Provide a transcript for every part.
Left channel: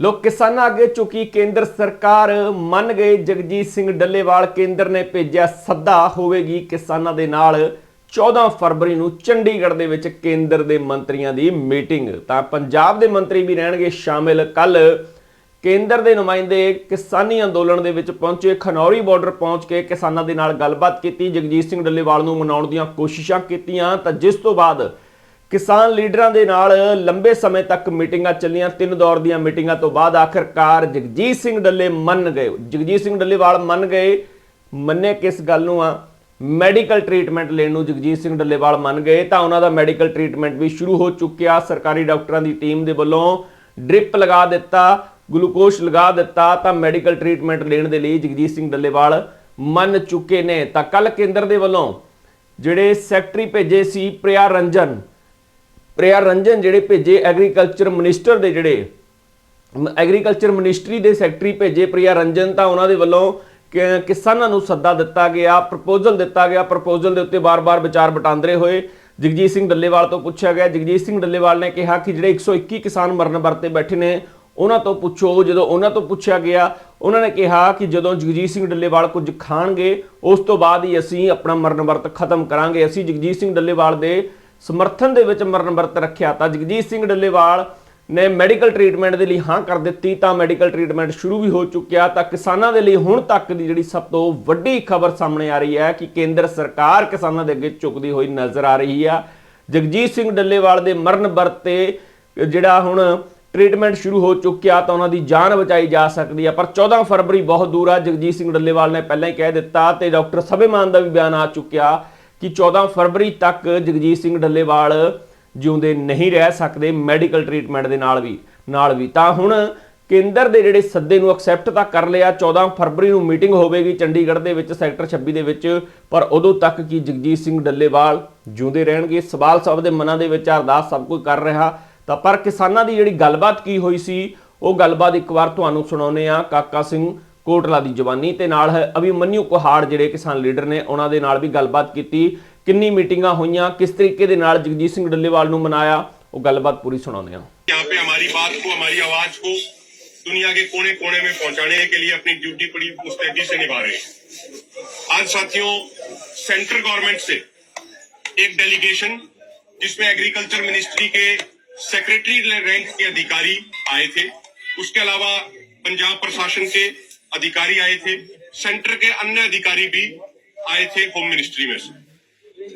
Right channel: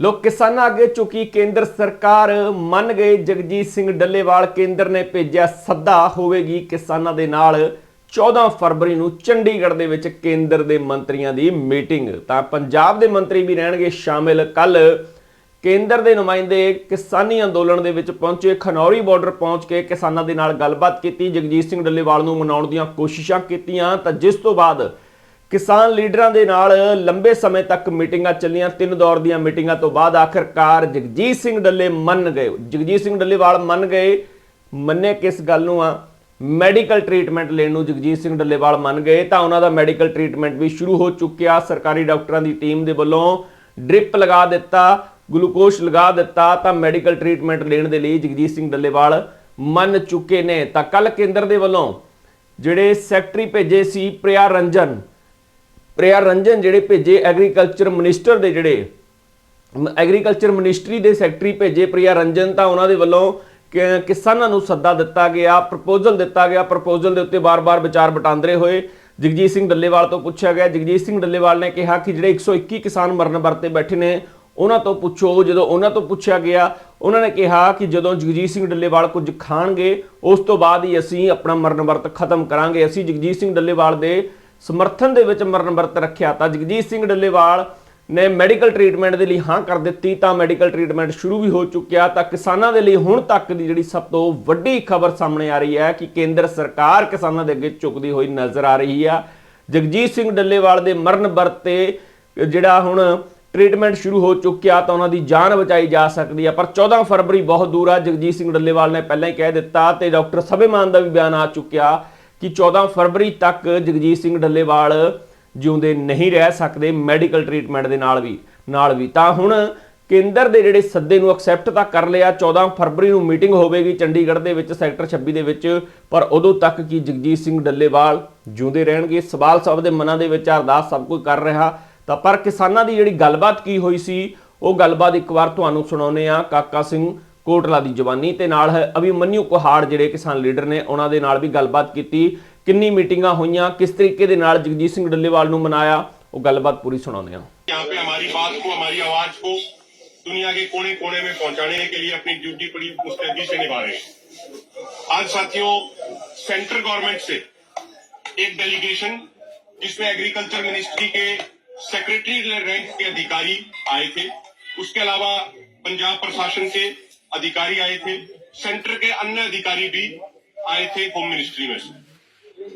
ਲੋਕ ਕਿਸਾਨਾਂ ਅੱਗੇ ਚੁੱਕੀ ਕੇਂਦਰ ਸਰਕਾਰ। ਮੰਨ ਗਏ ਜਗਜੀਤ ਸਿੰਘ ਡੱਲੇਵਾਲ, ਕੇਂਦਰ ਨੇ ਭੇਜਿਆ ਸੱਦਾ, ਹੋਵੇਗੀ ਕਿਸਾਨਾਂ ਦੇ ਨਾਲ। 14 ਫਰਵਰੀ ਨੂੰ ਚੰਡੀਗੜ੍ਹ ਦੇ ਵਿੱਚ ਕੇਂਦਰ ਦੇ ਮੰਤਰੀਆਂ ਦੀ ਮੀਟਿੰਗ। ਤਾਂ ਪੰਜਾਬ ਦੇ ਮੰਤਰੀ ਵੀ ਰਹਿਣਗੇ ਸ਼ਾਮਿਲ। ਕੱਲ ਕੇਂਦਰ ਦੇ ਨੁਮਾਇੰਦੇ ਕਿਸਾਨੀ ਅੰਦੋਲਨ ਦੇ ਵਿੱਚ ਪਹੁੰਚੇ। ਖਨੌਰੀ ਬਾਰਡਰ ਪਹੁੰਚ ਕੇ ਕਿਸਾਨਾਂ ਦੇ ਨਾਲ ਗੱਲਬਾਤ ਕੀਤੀ। ਜਗਜੀਤ ਸਿੰਘ ਡੱਲੇਵਾਲ ਨੂੰ ਮਨਾਉਣ ਦੀਆਂ ਕੋਸ਼ਿਸ਼ਾਂ ਕੀਤੀਆਂ। ਤਾਂ ਜਿਸ ਤੋਂ ਬਾਅਦ ਕਿਸਾਨ ਲੀਡਰਾਂ ਦੇ ਨਾਲ ਲੰਬੇ ਸਮੇਂ ਤੱਕ ਮੀਟਿੰਗਾਂ ਚੱਲੀਆਂ। ਤਿੰਨ ਦੌਰ ਦੀਆਂ ਮੀਟਿੰਗਾਂ ਤੋਂ ਬਾਅਦ ਆਖਰਕਾਰ ਜਗਜੀਤ ਸਿੰਘ ਡੱਲੇ ਮੰਨ ਗਏ। ਜਗਜੀਤ ਸਿੰਘ ਡੱਲੇਵਾਲ ਮੰਨ ਗਏ। ਮੰਨੇ ਕਿਸ ਗੱਲ ਨੂੰ ਆ? ਮੈਡੀਕਲ ਟ੍ਰੀਟਮੈਂਟ ਲੈਣ ਨੂੰ ਜਗਜੀਤ ਸਿੰਘ ਡੱਲੇਵਾਲ ਮੰਨ ਗਏ। ਤਾਂ ਉਹਨਾਂ ਦਾ ਮੈਡੀਕਲ ਟ੍ਰੀਟਮੈਂਟ ਵੀ ਸ਼ੁਰੂ ਹੋ ਚੁੱਕਿਆ। ਸਰਕਾਰੀ ਡਾਕਟਰਾਂ ਦੀ ਟੀਮ ਦੇ ਵੱਲੋਂ ਡ੍ਰਿਪ ਲਗਾ ਦਿੱਤਾ ਗਲੂਕੋਸ਼ ਲਗਾ ਦਿੱਤਾ। ਤਾਂ ਮੈਡੀਕਲ ਟ੍ਰੀਟਮੈਂਟ ਲੈਣ ਦੇ ਲਈ ਜਗਜੀਤ ਸਿੰਘ ਡੱਲੇਵਾਲ ਮੰਨ ਚੁੱਕੇ ਨੇ। ਤਾਂ ਕੱਲ ਕੇਂਦਰ ਦੇ ਵੱਲੋਂ ਜਿਹੜੇ ਸੈਕਟਰੀ ਭੇਜੇ ਸੀ, ਪ੍ਰਿਆ ਰੰਜਨ ਪ੍ਰਿਆ ਰੰਜਨ ਜਿਹੜੇ ਭੇਜੇ ਐਗਰੀਕਲਚਰ ਮਿਨਿਸਟਰ ਦੇ ਜਿਹੜੇ ਐਗਰੀਕਲਚਰ ਮਿਨਿਸਟਰੀ ਦੇ ਸੈਕਟਰੀ ਭੇਜੇ ਪ੍ਰਿਆ ਰੰਜਨ ਤਾਂ ਉਹਨਾਂ ਦੇ ਵੱਲੋਂ ਕਿ- ਕਿਸਾਨਾਂ ਨੂੰ ਸੱਦਾ ਦਿੱਤਾ ਗਿਆ ਪ੍ਰਪੋਜ਼ਲ ਦਿੱਤਾ ਗਿਆ ਪ੍ਰਪੋਜ਼ਲ ਦੇ ਉੱਤੇ ਬਾਰ-ਬਾਰ ਵਿਚਾਰ ਵਟਾਂਦਰੇ ਹੋਏ। ਜਗਜੀਤ ਸਿੰਘ ਡੱਲੇਵਾਲ ਤੋਂ ਪੁੱਛਿਆ ਗਿਆ, ਜਗਜੀਤ ਸਿੰਘ ਡੱਲੇਵਾਲ ਨੇ ਕਿਹਾ ਕਿ ਜਿਹੜੇ 121 ਕਿਸਾਨ ਮਰਨ ਵਰਤੇ ਬੈਠੇ ਨੇ, ਉਹਨਾਂ ਤੋਂ ਪੁੱਛੋ। ਜਦੋਂ ਉਹਨਾਂ ਤੋਂ ਪੁੱਛਿਆ ਗਿਆ, ਉਹਨਾਂ ਨੇ ਕਿਹਾ ਕਿ ਜਦੋਂ ਜਗਜੀਤ ਸਿੰਘ ਡੱਲੇਵਾਲ ਕੁਝ ਖਾਣਗੇ, ਉਸ ਤੋਂ ਬਾਅਦ ਹੀ ਅਸੀਂ ਆਪਣਾ ਮਰਨ ਵਰਤ ਖਤਮ ਕਰਾਂਗੇ। ਅਸੀਂ ਜਗਜੀਤ ਸਿੰਘ ਡੱਲੇਵਾਲ ਦੇ ਸਮਰਥਨ ਦੇ ਵਿੱਚ ਮਰਨ ਵਰਤ ਰੱਖਿਆ ਤਾਂ ਜਗਜੀਤ ਸਿੰਘ ਡੱਲੇਵਾਲ ਨੇ ਮੈਡੀਕਲ ਟ੍ਰੀਟਮੈਂਟ ਦੇ ਲਈ ਹਾਂ ਕਰ ਦਿੱਤੀ, ਤਾਂ ਮੈਡੀਕਲ ਟ੍ਰੀਟਮੈਂਟ ਸ਼ੁਰੂ ਵੀ ਹੋ ਚੁੱਕਿਆ, ਤਾਂ ਕਿਸਾਨਾਂ ਦੇ ਲਈ ਹੁਣ ਤੱਕ ਦੀ ਜਿਹੜੀ ਸਭ ਤੋਂ ਵੱਡੀ ਖਬਰ ਸਾਹਮਣੇ ਆ ਰਹੀ ਹੈ ਕਿ ਕੇਂਦਰ ਸਰਕਾਰ ਕਿਸਾਨਾਂ ਦੇ ਅੱਗੇ ਝੁਕਦੀ ਹੋਈ ਨਜ਼ਰ ਆ ਰਹੀ ਆ। ਜਗਜੀਤ ਸਿੰਘ ਡੱਲੇਵਾਲ ਦੇ ਮਰਨ ਵਰਤ ਤੇ ਜਿਹੜਾ ਹੁਣ ਟ੍ਰੀਟਮੈਂਟ ਸ਼ੁਰੂ ਹੋ ਚੁੱਕਿਆ ਤਾਂ ਉਹਨਾਂ ਦੀ ਜਾਨ ਬਚਾਈ ਜਾ ਸਕਦੀ ਆ, ਪਰ 14 ਫਰਵਰੀ ਬਹੁਤ ਦੂਰ ਆ, ਜਗਜੀਤ ਸਿੰਘ ਡੱਲੇਵਾਲ ਨੇ ਪਹਿਲਾਂ ਹੀ ਕਹਿ ਦਿੱਤਾ ਤੇ ਡਾਕਟਰ ਸਭੇਮਾਨ ਦਾ ਵੀ ਬਿਆਨ ਆ ਚੁੱਕਿਆ। ਕਿ 14 ਫਰਵਰੀ ਤੱਕ ਜਗਜੀਤ ਸਿੰਘ ਡੱਲੇਵਾਲ ਜਿਉਂਦੇ ਨਹੀਂ ਰਹਿ ਸਕਦੇ ਮੈਡੀਕਲ ਟ੍ਰੀਟਮੈਂਟ ਦੇ ਨਾਲ ਵੀ ਨਾਲ ਵੀ। ਤਾਂ ਹੁਣ ਕੇਂਦਰ ਦੇ ਜਿਹੜੇ ਸੱਦੇ ਨੂੰ ਐਕਸੈਪਟ ਤਾਂ ਕਰ ਲਿਆ 14 ਫਰਵਰੀ ਨੂੰ ਮੀਟਿੰਗ ਹੋਵੇਗੀ ਚੰਡੀਗੜ੍ਹ ਦੇ ਵਿੱਚ, ਸੈਕਟਰ 26 ਦੇ ਵਿੱਚ, ਪਰ ਉਦੋਂ ਤੱਕ ਕੀ ਜਗਜੀਤ ਸਿੰਘ ਡੱਲੇਵਾਲ ਜਿਉਂਦੇ ਰਹਿਣਗੇ? ਸਵਾਲ ਸਭ ਦੇ ਮਨਾਂ ਦੇ ਵਿੱਚ, ਅਰਦਾਸ ਸਭ ਕੋਈ ਕਰ ਰਿਹਾ। ਤਾਂ ਪਰ ਕਿਸਾਨਾਂ ਦੀ ਜਿਹੜੀ ਗੱਲਬਾਤ ਕੀ ਹੋਈ ਸੀ, ਉਹ ਗੱਲਬਾਤ ਇੱਕ ਵਾਰ ਤੁਹਾਨੂੰ ਸੁਣਾਉਨੇ ਆ ਕਾਕਾ ਸਿੰਘ ਕੋਟਲਾ ਦੀ ਜਵਾਨੀ ਤੇ ਨਾਲ ਹੈ ਅਭਿਮਨਿਊ ਕੁਹਾੜ ਜਿਹੜੇ ਕਿਸਾਨ ਲੀਡਰ ਨੇ ਉਹਨਾਂ ਦੇ ਨਾਲ ਵੀ ਗੱਲਬਾਤ ਕੀਤੀ ਕਿੰਨੀ ਮੀਟਿੰਗਾਂ ਹੋਈਆਂ ਕਿਸ ਤਰੀਕੇ ਦੇ ਨਾਲ ਜਗਜੀਤ ਸਿੰਘ ਡੱਲੇਵਾਲ ਨੂੰ ਮਨਾਇਆ ਉਹ ਗੱਲਬਾਤ ਪੂਰੀ ਸੁਣਾਉਂਦੇ ਆ यहाँ पे हमारी बात को हमारी आवाज को दुनिया के कोने कोने में पहुंचाने के लिए अपनी ड्यूटी बड़ी मुस्तैदी से निभा रहे हैं आज साथियों सेंट्रल गवर्नमेंट से एक डेलीगेशन जिसमें एग्रीकल्चर मिनिस्ट्री के सेक्रेटरी रैंक के अधिकारी आए थे उसके अलावा पंजाब प्रशासन के अधिकारी आए थे, सेंटर के अन्य अधिकारी भी आए थे होम मिनिस्ट्री में से।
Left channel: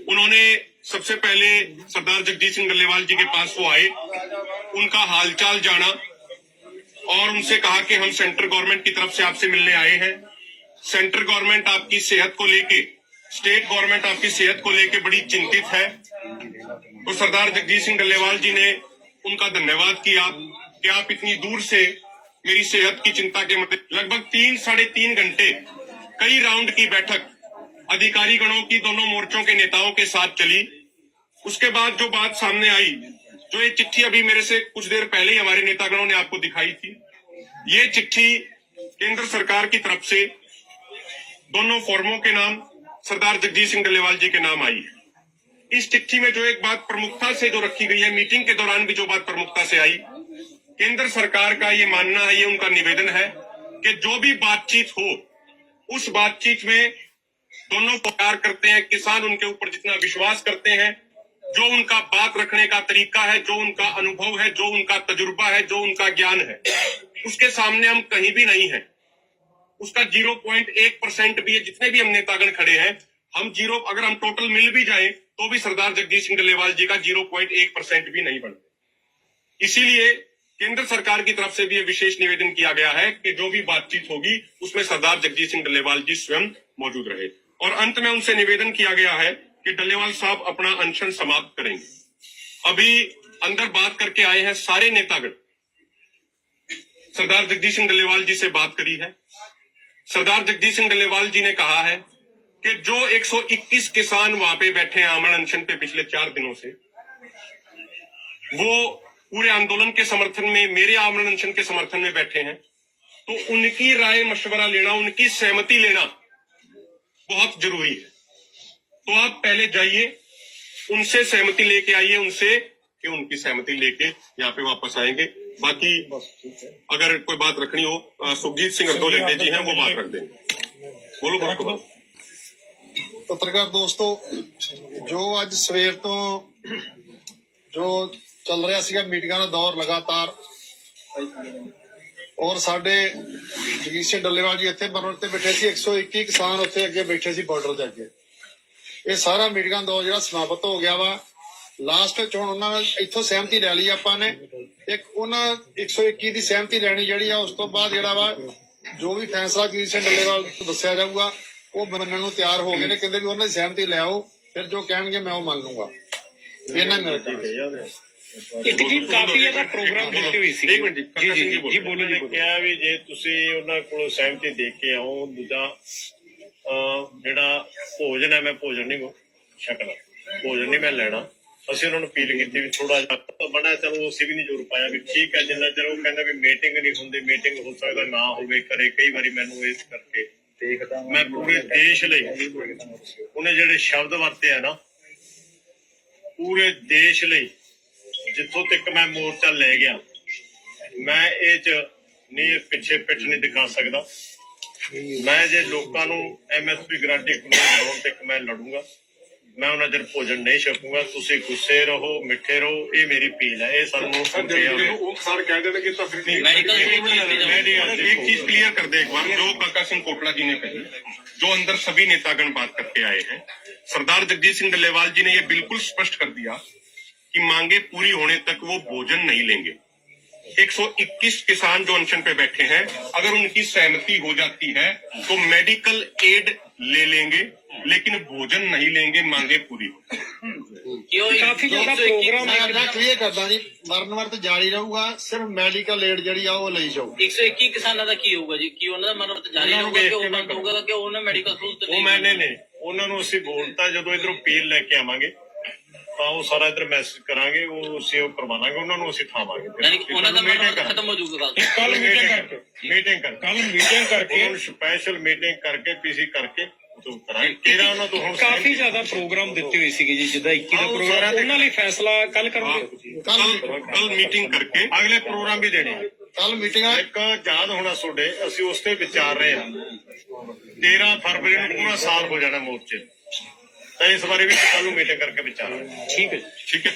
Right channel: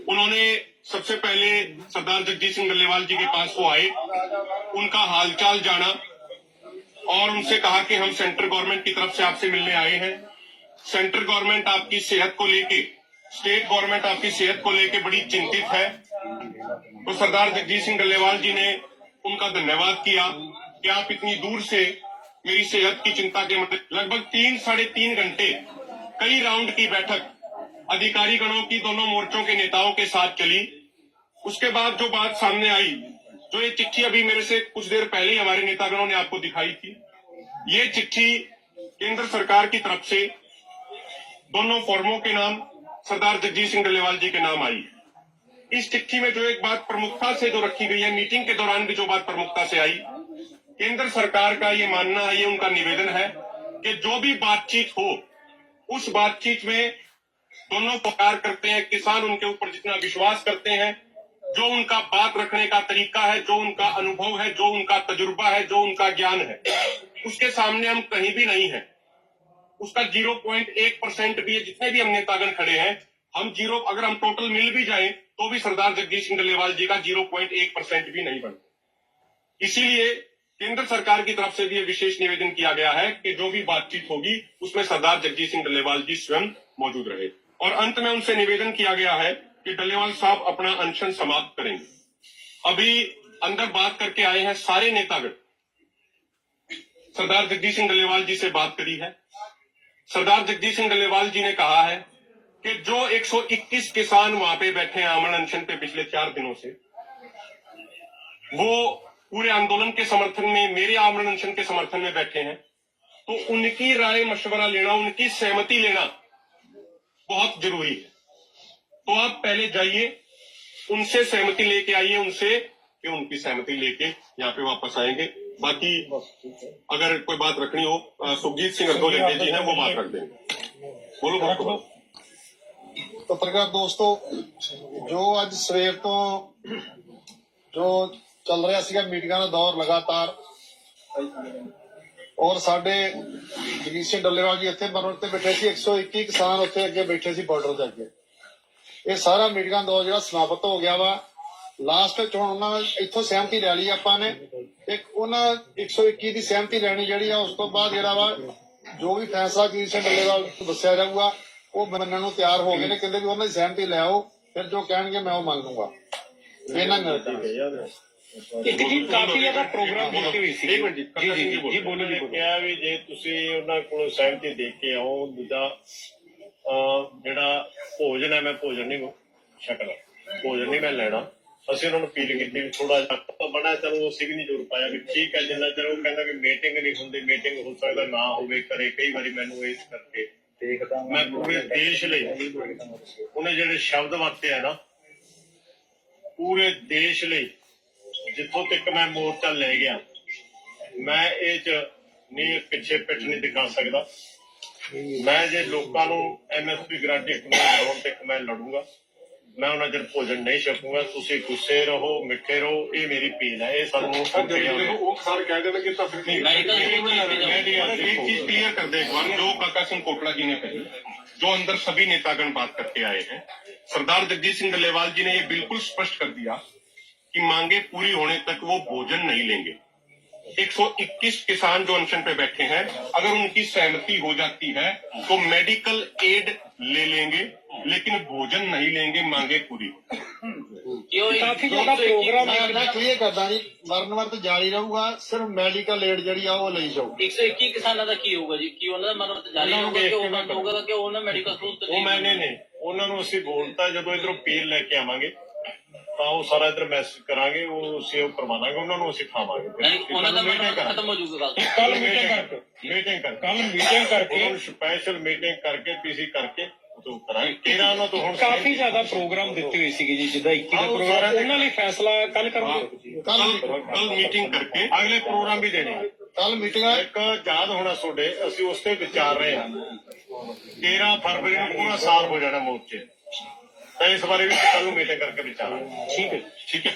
उन्होंने सबसे पहले सरदार जगजीत सिंह डल्लेवाल जी के पास वो आए, उनका हालचाल जाना और उनसे कहा कि हम सेंट्रल गवर्नमेंट की तरफ़ से आपसे मिलने आए हैं। सेंट्रल गवर्नमेंट आपकी सेहत को लेके, स्टेट गवर्नमेंट आपकी सेहत को लेके बड़ी चिंतित है। तो सरदार जगजीत सिंह डल्लेवाल जी ने उनका धन्यवाद किया। कि आप इतनी दूर से मेरी सेहत की चिंता के मुद्दे लगभग तीन, साढ़े तीन घंटे कई राउंड की बैठक अधिकारी गणों की दोनों मोर्चों के नेताओं के साथ चली। उसके बाद जो बात सामने आई, जो ये चिट्ठी अभी मेरे से कुछ देर पहले ही हमारे नेतागणों ने आपको दिखाई थी, ये चिट्ठी केंद्र सरकार की तरफ़ से दोनों फॉर्मों के नाम, सरदार जगजीत सिंह डलेवाल जी के नाम आई है। इस चिट्ठी में जो एक बात प्रमुखता से जो रखी गई है, मीटिंग के दौरान भी जो बात प्रमुखता से आई केंद्र सरकार का ये मानना है ये उनका निवेदन है कि जो भी बातचीत हो, उस बातचीत में दोनों प्यार करते हैं, किसान उनके ऊपर जितना विश्वास करते हैं, जो उनका बात रखने का तरीका है, जो उनका अनुभव है, जो उनका तजुर्बा है, जो उनका ज्ञान है, उसके सामने हम कहीं भी नहीं है। उसका ज़ीरो पॉइंट एक परसेंट भी है, जितने भी हम नेतागण खड़े हैं, हम ज़ीरो, अगर हम टोटल मिल भी जाए तो भी सरदार जगदीश सिंह डल्लेवाल जी का ज़ीरो पॉइंट एक परसेंट भी नहीं बनता इसीलिए केंद्र सरकार की तरफ़ से भी विशेष निवेदन किया गया है कि जो भी बातचीत होगी, उसमें सरदार जगजीत सिंह डल्लेवाल जी स्वयं मौजूद रहे। और अंत में उनसे निवेदन किया गया है कि डल्लेवाल साहब अपना अनशन समाप्त करेंगे। अभी अंदर बात करके आए हैं सारे नेतागण। सरदार जगदीश सिंह डल्लेवाल जी से बात करी है। सरदार जगदीश सिंह डल्लेवाल जी ने कहा है कि जो 121 किसान वहाँ पे बैठे हैं आमरण अनशन पे पिछले चार दिनों से, वो पूरे आंदोलन के समर्थन में, मेरे आमरण के समर्थन में बैठे हैं। तो उनकी राय मशवरा लेना, उनकी सहमति लेना बहुत ज़रूरी है। तो आप पहले जाइए, उनसे सहमति लेके आइए, उनसे कि उनकी सहमति लेके यहाँ पे वापस आएँगे। बाकी अगर कोई बात रखनी हो सुखजीत सिंह अधोलेटे जी हैं, वो माफ़ कर देंगे। बोलो बोलो। पत्रकार दोस्तों, जो आज सवेर तो जो ਚੱਲ ਰਿਹਾ ਸੀਗਾ ਮੀਟਿੰਗਾਂ ਦਾ ਦੌਰ ਲਗਾਤਾਰ। ਔਰ ਸਾਡੇ ਜਗੀਰ ਡੱਲੇਵਾਲ ਜੀ ਇੱਥੇ ਬਰਨਰ ਤੇ ਬੈਠੇ ਸੀ 121 ਕਿਸਾਨ ਉੱਥੇ ਅੱਗੇ ਬੈਠੇ ਸੀ ਬਾਰਡਰ ਦੇ ਅੱਗੇ। ਇਹ ਸਾਰਾ ਮੀਟਿੰਗਾਂ ਦਾ ਜਿਹੜਾ ਸਮਾਪਤ ਹੋ ਗਿਆ ਵਾ ਲਾਸਟ ਵਿੱਚ ਹੁਣ ਉਹਨਾਂ ਨੇ ਇੱਥੋਂ ਸਹਿਮਤੀ ਲੈ ਲਈ ਆਪਾਂ ਨੇ। ਇੱਕ ਉਹਨਾਂ 121 ਦੀ ਸਹਿਮਤੀ ਲੈਣੀ ਜਿਹੜੀ ਆ, ਉਸ ਤੋਂ ਬਾਅਦ ਜਿਹੜਾ ਵਾ, ਜੋ ਵੀ ਫੈਸਲਾ ਜਗੀਰ ਸਿੰਘ ਡੱਲੇਵਾਲ ਦੱਸਿਆ ਜਾਊਗਾ, ਉਹ ਮੰਨਣ ਨੂੰ ਤਿਆਰ ਹੋ ਗਏ ਨੇ, ਕਹਿੰਦੇ ਵੀ ਉਹਨਾਂ ਦੀ ਸਹਿਮਤੀ ਲੈ ਆਓ, ਫਿਰ ਜੋ ਕਹਿਣਗੇ ਮੈਂ ਉਹ ਮੰਨ ਲੂੰਗਾ ਇਹਨਾਂ ਨੇ ਇੱਕ ਜੀ ਕਾਫੀ ਜ਼ਿਆਦਾ ਪ੍ਰੋਗਰਾਮ ਦਿੱਤੇ ਹੋਏ ਸੀ। ਜੀ ਜੀ ਜੀ ਬੋਲੋ ਜੀ ਕਿਹਾ ਵੀ ਜੇ ਤੁਸੀਂ ਉਹਨਾਂ ਕੋਲੋਂ ਸਹਿਮਤੀ ਦੇ ਕੇ ਆਓ ਦੂਜਾ ਜਿਹੜਾ ਭੋਜਨ ਹੈ ਮੈਂ ਭੋਜਨ ਨਹੀਂ ਛਕਣਾ ਭੋਜਨ ਨਹੀਂ ਮੈਂ ਲੈਣਾ। ਅਸੀਂ ਉਹਨਾਂ ਨੂੰ ਅਪੀਲ ਕੀਤੀ ਵੀ ਥੋੜਾ ਜਿਹਾ ਬਣਾ ਚਲੋ ਅਸੀਂ ਵੀ ਨਹੀਂ ਜੋਰ ਪਾਇਆ ਵੀ ਠੀਕ ਹੈ ਜਿੰਨਾ ਚਿਰ ਉਹ ਕਹਿੰਦਾ ਵੀ ਮੀਟਿੰਗ ਨਹੀਂ ਹੁੰਦੀ ਮੀਟਿੰਗ ਹੋ ਸਕਦਾ ਨਾ ਹੋਵੇ ਕਰੇ ਕਈ ਵਾਰੀ ਮੈਨੂੰ ਇਸ ਕਰਕੇ ਦੇਖਦਾ ਮੈਂ ਪੂਰੇ ਦੇਸ਼ ਲਈ ਉਹਨੇ ਜਿਹੜੇ ਸ਼ਬਦ ਵਰਤੇ ਆ ਨਾ ਪੂਰੇ ਦੇਸ਼ ਲਈ ਜਿੱਥੋਂ ਤੱਕ ਮੈਂ ਮੋਰਚਾ ਲੈ ਗਿਆ ਮੈਂ ਇਹ ਚ ਨਹੀਂ ਪਿੱਛੇ ਪਿੱਠ ਨਹੀਂ ਦਿਖਾ ਸਕਦਾ ਮੈਂ ਜੇ ਲੋਕਾਂ ਨੂੰ ਐਮਐਸਪੀ ਗਰੰਟੀ ਕਾਨੂੰਨ ਬਣਾਉਣ ਤੱਕ ਮੈਂ ਲੜੂੰਗਾ ਮੈਂ ਉਹਨਾਂ ਚਿਰ ਭੋਜਨ ਨਹੀਂ ਛਕੂੰਗਾ ਤੁਸੀਂ ਗੁੱਸੇ ਰਹੋ ਮਿੱਠੇ ਰਹੋ ਇਹ ਮੇਰੀ ਪੀਲ ਹੈ ਇਹ ਸਾਨੂੰ वो सर कह देना कि तो फिर एक चीज क्लियर कर दे एक बार जो प्रकाश सिंह कोटला जी ने कही जो अंदर सभी नेतागण बात करके आए हैं सरदार जगदीश सिंह डल्लेवाल जी ने ये बिल्कुल स्पष्ट कर दिया कि मांगे पूरी होने तक वो भोजन नहीं लेंगे 121 किसान जो अनशन पे बैठे हैं अगर उनकी सहमति हो जाती है तो मेडिकल एड ले लेंगे लेकिन भोजन नहीं लेंगे मांगे पूरी ਕਾਫੀ ਜ਼ਿਆਦਾ ਪ੍ਰੋਗਰਾਮ ਮੈਂ ਅੱਡਾ ਕਲੀਅਰ ਕਰਦਾ ਜੀ ਮਰਨ ਵਰਤ ਜਾਰੀ ਰਹੂਗਾ ਸਿਰਫ ਮੈਡੀਕਲ ਏਡ ਜਿਹੜੀ ਆ ਉਹ ਲਈ ਜਾਊ 121 ਕਿਸਾਨਾਂ ਦਾ ਕੀ ਹੋਊਗਾ ਜੀ ਕੀ ਉਹਨਾਂ ਦਾ ਮਨੋਰਥ ਜਾਰੀ ਰਹੂਗਾ ਕਿ ਉਹ ਬੰਦ ਹੋਊਗਾ ਕਿ ਉਹਨਾਂ ਮੈਡੀਕਲ ਸਹੂਲਤ ਉਹ ਮੈਂ ਨਹੀਂ ਨਹੀਂ ਉਹਨਾਂ ਨੂੰ ਅਸੀਂ ਬੋਲਤਾ ਜਦੋਂ ਇਧਰੋਂ ਪੀਲ ਲੈ ਕੇ ਆਵਾਂਗੇ ਤਾਂ ਉਹ ਸਾਰਾ ਇਧਰ ਮੈਸੇਜ ਕਰਾਂਗੇ ਉਹ ਸੇਵ ਕਰਵਾਵਾਂਗੇ ਉਹਨਾਂ ਨੂੰ ਅਸੀਂ ਥਾਵਾਂਗੇ ਯਾਨੀ ਉਹਨਾਂ ਦਾ ਮੀਟਿੰਗ ਖਤਮ ਹੋ ਜਾਊਗਾ ਕੱਲ ਮੀਟਿੰਗ ਕਰਕੇ। ਮੀਟਿੰਗ ਕਰਕੇ। ਕੱਲ ਮੀਟਿੰਗ ਕਰਕੇ। ਸਪੈਸ਼ਲ ਮੀਟਿੰਗ ਕਰਕੇ ਪੀਸੀ ਕਰਕੇ ਕਾਫੀ ਜ਼ਿਆਦਾ ਪ੍ਰੋਗਰਾਮ ਦਿੱਤੇ ਹੋਏ ਸੀਗੇ ਜੀ ਜਿੱਦਾਂ 21 ਦਾ ਪ੍ਰੋਗਰਾਮ ਉਹਨਾਂ ਲਈ ਫੈਸਲਾ ਕੱਲ ਕਰਾਂਗੇ? ਕੱਲ ਕੱਲ ਮੀਟਿੰਗ ਕਰਕੇ ਅਗਲੇ ਪ੍ਰੋਗਰਾਮ ਵੀ ਦੇਣੇ ਕੱਲ ਮੀਟਿੰਗਾਂ ਇੱਕ ਯਾਦ ਹੋਣਾ ਤੁਹਾਡੇ ਅਸੀਂ ਉਸ ਤੇ ਵਿਚਾਰ ਰਹੇ ਹਾਂ। 13 ਫਰਵਰੀ ਨੂੰ ਪੂਰਾ ਸਾਲ ਹੋ ਜਾਣਾ ਮੋਰਚੇ ਤਾਂ ਇਸ ਬਾਰੇ ਵੀ ਕੱਲ ਨੂੰ ਮੀਟਿੰਗ ਕਰਕੇ ਵਿਚਾਰਾਂਗੇ। ਠੀਕ ਹੈ ਠੀਕ ਹੈ।